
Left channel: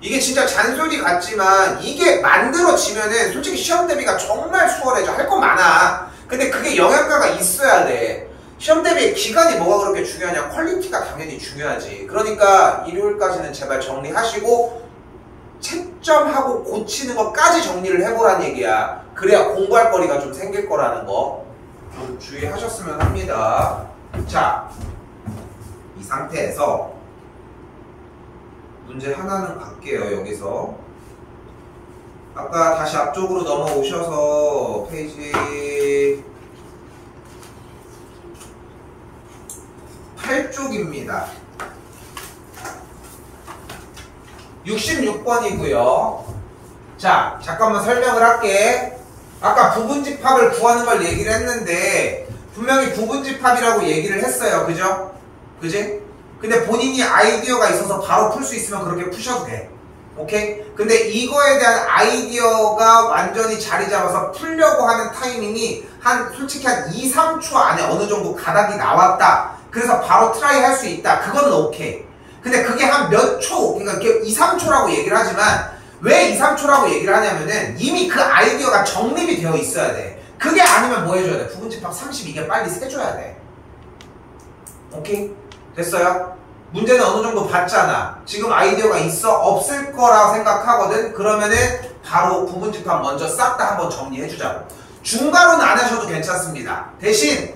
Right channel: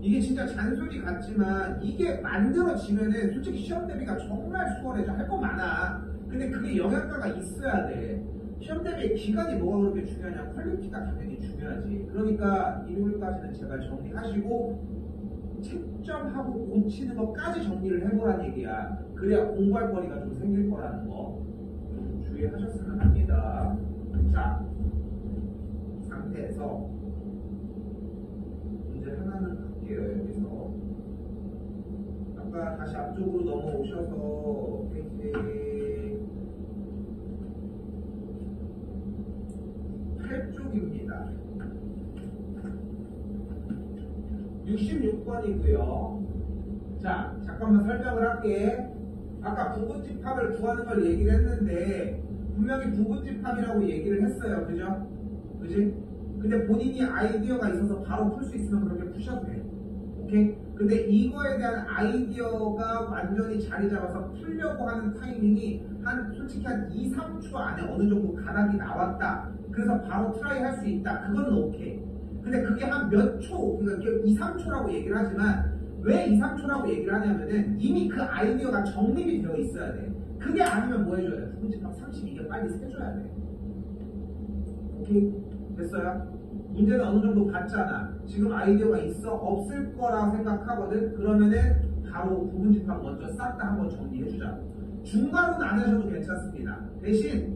이게 진짜 잔소리 같지만 이게 만들어지면은 솔직히 시험 대비가 정말 수월해져. 할 거 많아. 근데 그게 영양가가 있어야 돼. 시험 대비 기간이 뭐가 그렇게 중요하냐. 퀄리티가 당연히 중요하지. 그러니까 일요일까지는 제발 정리하시고 채점하고 고치는 것까지 정리를 해보란 얘기야. 그래야 공부할 거리가 좀 생길 거라는 거 좀 주의하셨으면 합니다. 자, 이 상태에서 문제 하나는 갈게요. 여기서 아까 다시 앞쪽으로 넘어오셔서 페이지 8쪽입니다. 66번이고요. 자, 잠깐만 설명을 할게. 아까 부분집합을 구하는 걸 얘기를 했는데 분명히 부분집합이라고 얘기를 했어요. 그죠? 그지? 근데 본인이 아이디어가 있어서 바로 풀 수 있으면 그렇게 푸셔도 돼. 오케이? 근데 이거에 대한 아이디어가 완전히 자리 잡아서 풀려고 하는 타이밍이 솔직히 한 2, 3초 안에 어느 정도 가닥이 나왔다. 그래서 바로 트라이 할 수 있다. 그거는 오케이. 근데 그게 한 몇 초, 그러니까 2, 3초라고 얘기를 하지만 왜 2, 3초라고 얘기를 하냐면은 이미 그 아이디어가 정립이 되어 있어야 돼. 그게 아니면 뭐 해줘야 돼? 부분집합 32개 빨리 세줘야 돼. 오케이? 됐어요? 문제는 어느 정도 봤잖아. 지금 아이디어가 있어? 없을 거라 생각하거든? 그러면은 바로 부분집합 먼저 싹 다 한번 정리해주자고. 중괄호는 안 하셔도 괜찮습니다. 대신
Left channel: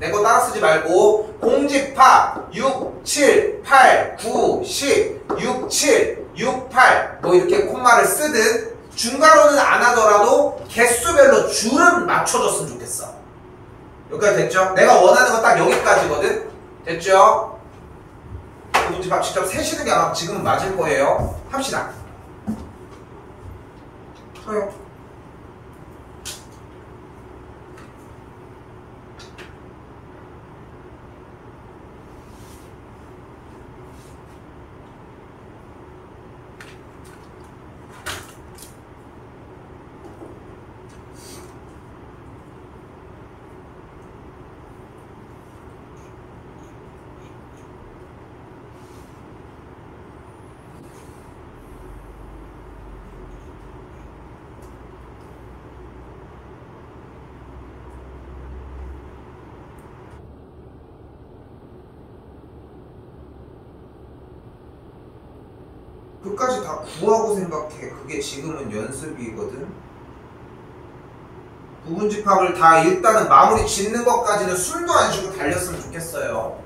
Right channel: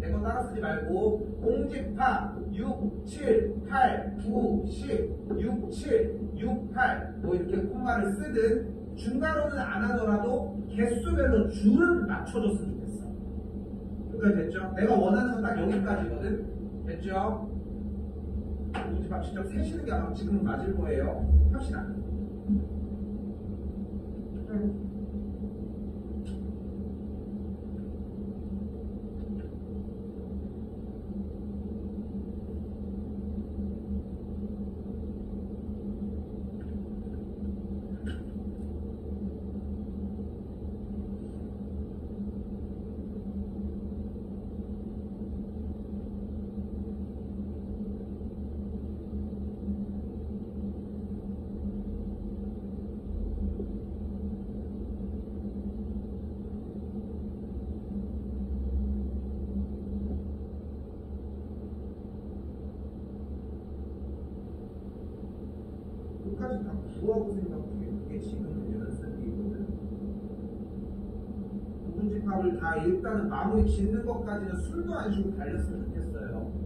내 거 따라 쓰지 말고 공집합 6, 7, 8, 9, 10, 6, 7, 6, 8 뭐 이렇게 콤마를 쓰듯 중괄호는 안 하더라도 개수별로 줄은 맞춰줬으면 좋겠어. 여기까지 됐죠? 내가 원하는 건 딱 여기까지거든? 됐죠? 부분집합 직접 세시는 게 아마 지금은 맞을 거예요. 합시다. 서요. 끝까지 다 구하고 생각해. 그게 지금은 연습이거든. 부분집합을 다 일단은 마무리 짓는 것까지는 숨도 안 쉬고 달렸으면 좋겠어요.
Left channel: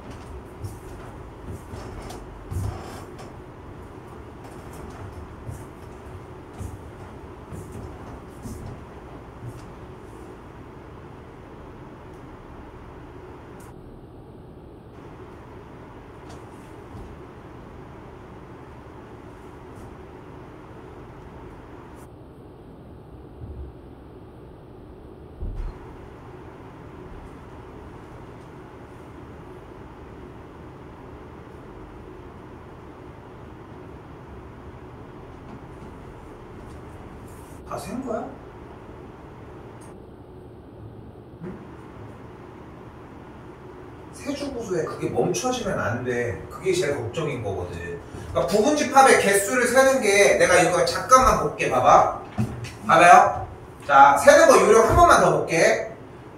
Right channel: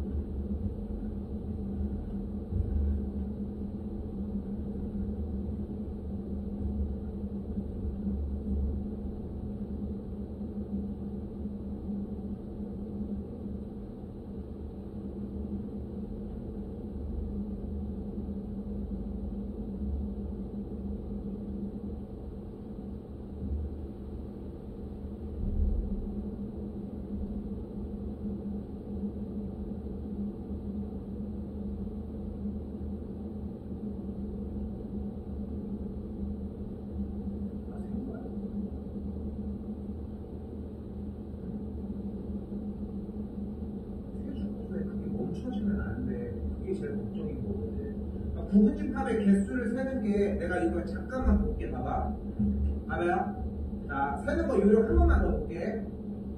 다 센 거야? 세주 구조에 그게 멈춰지면 안 돼. 그게 제일 걱정인 거거든. 그러니까 부분집합의 개수를 세는 게 내가 이거 잠깐만 볼게. 봐봐. 봐봐요. 자, 세는 거 요령 한 번만 더 볼게.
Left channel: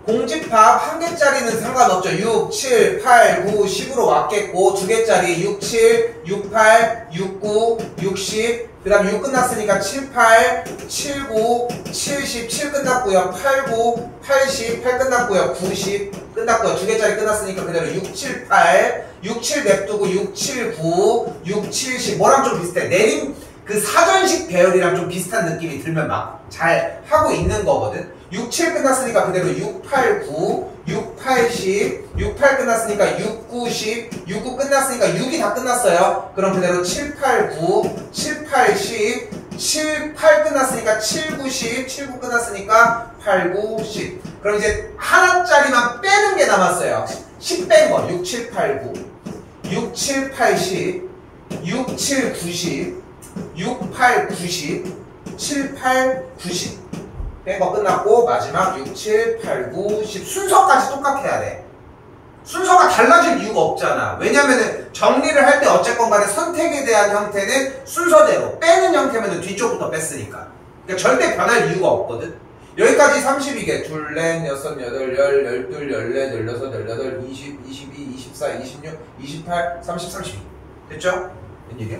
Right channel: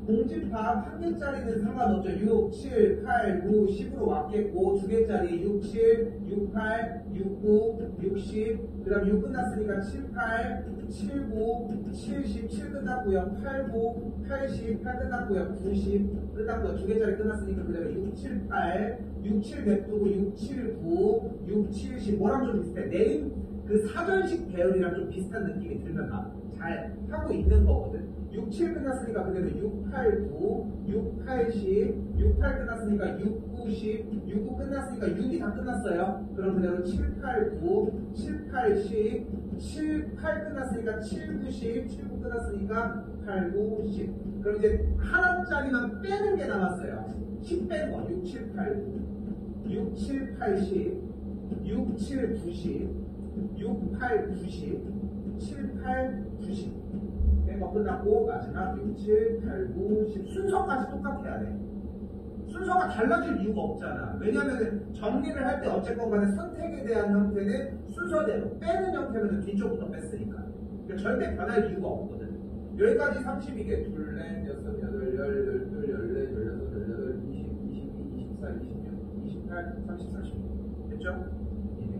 공집합 한 개짜리는 상관없죠. 6, 7, 8, 9, 10으로 왔겠고 두 개짜리 6, 7, 6, 8, 6, 9, 60 그 다음 6 끝났으니까 7, 8, 7, 9, 70, 7 끝났고요. 8, 9, 80, 8 끝났고요. 90 끝났고요. 두 개짜리 끝났으니까 그대로 6, 7, 8, 6, 7 냅두고 6, 7, 9, 6, 7, 10 뭐랑 좀 비슷해. 내림 그 사전식 배열이랑 좀 비슷한 느낌이 들면 막 잘 하고 있는 거거든. 6, 7 끝났으니까 그대로 6, 8, 9, 6, 8, 10, 6, 8 끝났으니까 6, 9, 10, 6, 9 끝났으니까 6이 다 끝났어요. 그럼 그대로 7, 8, 9, 7, 8, 10, 7, 8 끝났으니까 7, 9, 10, 7, 9 끝났으니까 8, 9, 10. 그럼 이제 하나짜리만 빼는 게 남았어요. 10 뺀 거. 6, 7, 8, 9, 6, 7, 8, 10, 6, 7, 9, 10, 6, 8, 9, 10, 7, 8, 9, 10. 뺀 거 끝났고 마지막 6, 7, 8, 9, 10 순서까지 똑같아야 돼. 순서가 달라질 이유가 없잖아. 왜냐면은 정리를 할 때 어쨌건 간에 선택에 대한 형태는 순서대로 빼는 형태면 뒤쪽부터 뺐으니까. 그러니까 절대 변할 이유가 없거든. 여기까지 30이게 둘, 넷, 여섯, 여덟, 열, 열둘, 열넷, 열여섯, 열여덟, 20, 22, 24, 26, 28, 30, 32 됐죠? 웬일이야?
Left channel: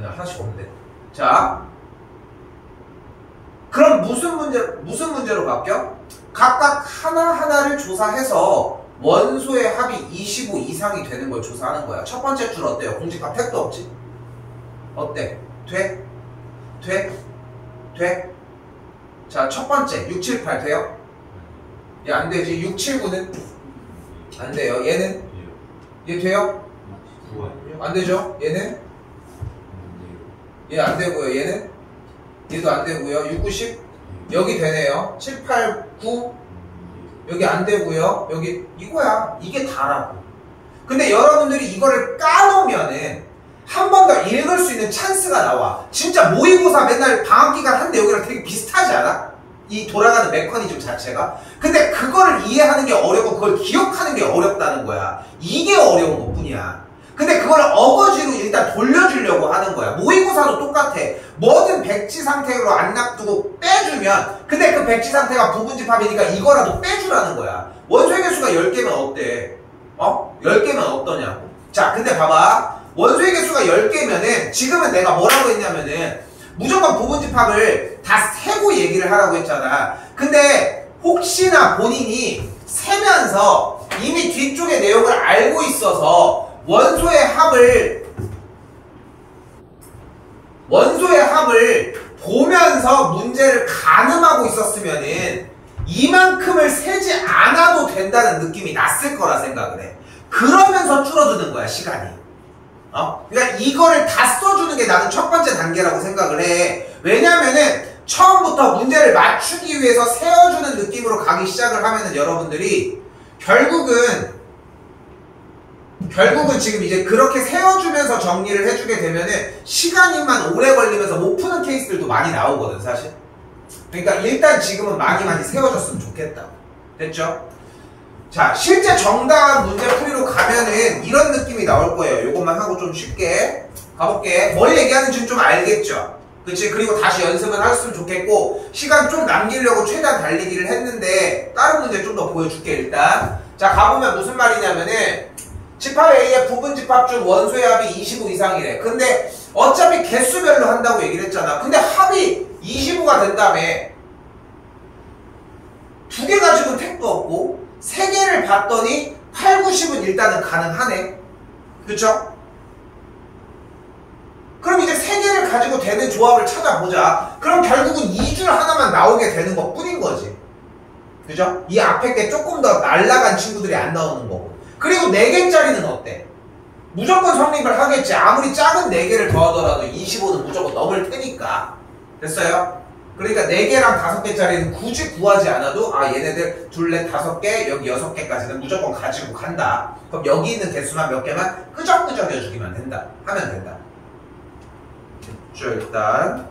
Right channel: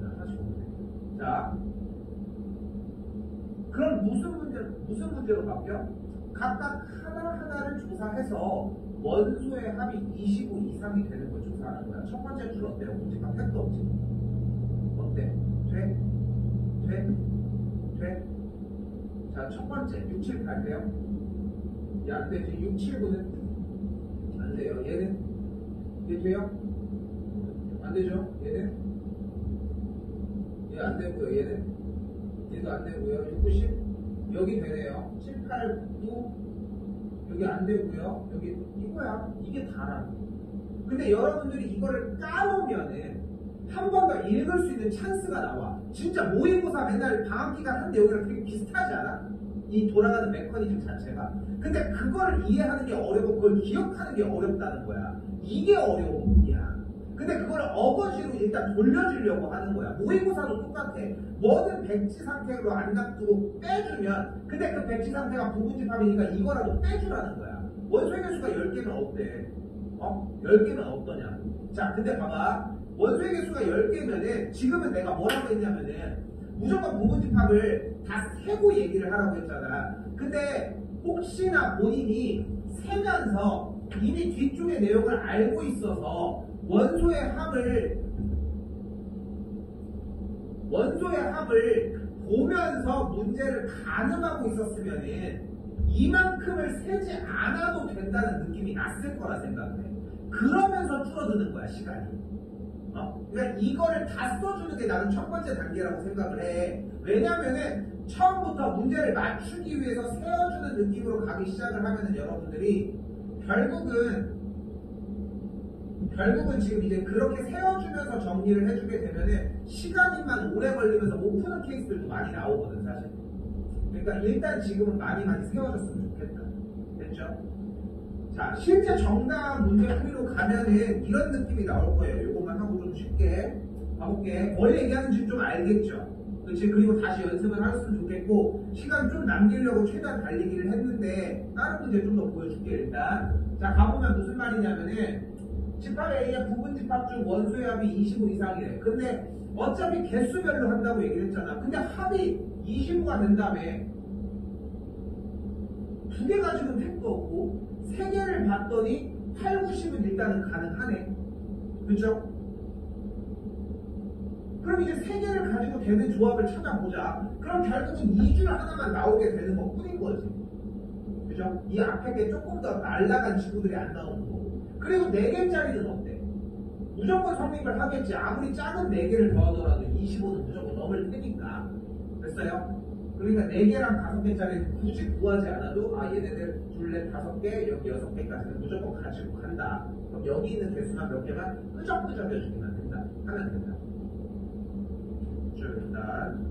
하나씩 없는데. 자, 그럼 무슨 문제로 바뀌어? 각각 하나하나를 조사해서 원소의 합이 25 이상이 되는 걸 조사하는 거야. 첫 번째 줄 어때요? 공집합 택도 없지? 어때? 돼? 돼? 돼? 자, 첫 번째 6, 7, 8 돼요? 얘 안 되지. 6, 7, 9는? 안 돼요. 얘는? 얘 돼요? 안 되죠? 얘는? 얘 안 되고요. 얘는? 얘도 안 되고요. 6, 9, 10 여기 되네요. 7, 8, 9 여기 안 되고요. 여기 이거야. 이게 다라고. 근데 여러분들이 이거를 까놓으면은 한 번 더 읽을 수 있는 찬스가 나와. 진짜 모의고사 맨날 방학기간 한데 여기랑 되게 비슷하지 않아? 이 돌아가는 메커니즘 자체가. 근데 그거를 이해하는 게 어렵고 그걸 기억하는 게 어렵다는 거야. 이게 어려운 것 뿐이야. 근데 그걸 어거지로 일단 돌려주려고 하는 거야. 모의고사도 똑같아. 뭐든 백지 상태로 안 놔두고 빼주면, 근데 그 백지 상태가 부분집합이니까 이거라도 빼주라는 거야. 원소의 개수가 10개면 어때? 10개면 어떠냐고. 자, 근데 봐봐. 원소의 개수가 10개면은 지금은 내가 뭐라고 했냐면은 무조건 부분집합을 다 세고 얘기를 하라고 했잖아. 근데 혹시나 본인이 세면서 이미 뒤쪽의 내용을 알고 있어서 원소의 합을 보면서 문제를 가늠하고 있었으면은 이만큼을 세지 않아도 된다는 느낌이 났을 거라 생각을 해. 그러면서 줄어드는 거야, 시간이. 그러니까 이거를 다 써주는 게 나는 첫 번째 단계라고 생각을 해. 왜냐면은 처음부터 문제를 맞추기 위해서 세워주는 느낌으로 가기 시작을 하면은 여러분들이 결국은 지금 이제 그렇게 세워주면서 정리를 해주게 되면은 시간이만 오래 걸리면서 못 푸는 케이스들도 많이 나오거든, 사실. 그러니까 일단 지금은 많이 세워줬으면 좋겠다. 됐죠? 자, 실제 정답 문제 풀이로 가면은 이런 느낌이 나올 거예요. 요것만 하고 좀 쉽게 가볼게. 뭘 얘기하는지는 좀 알겠죠? 그치? 그리고 다시 연습은 했으면 좋겠고, 시간 좀 남기려고 최대한 달리기를 했는데 다른 문제 좀 더 보여줄게. 일단 자, 가보면 무슨 말이냐면은 집합 A의 부분집합 중 원소의 합이 25 이상이래. 근데 어차피 개수별로 한다고 얘기를 했잖아. 근데 합이 25가 된다며. 두 개 가지고는 택도 없고 3개를 봤더니 8, 9, 10은 일단은 가능하네. 그쵸? 그럼 이제 3개를 가지고 되는 조합을 찾아보자. 그럼 결국은 2줄 하나만 나오게 되는 것 뿐인 거지. 그죠? 이 앞에 게 조금 더 날라간 친구들이 안 나오는 거고. 그리고 4개짜리는 어때? 무조건 성립을 하겠지. 아무리 작은 4개를 더하더라도 25는 무조건 넘을 테니까. 됐어요? 그러니까 4개랑 5개짜리는 굳이 구하지 않아도 얘네들 둘, 넷, 5개, 여기 6개까지는 무조건 가지고 간다. 그럼 여기 있는 개수만 몇 개만 끄적끄적 해주기만 된다. 하면 된다. 됐죠, 일단.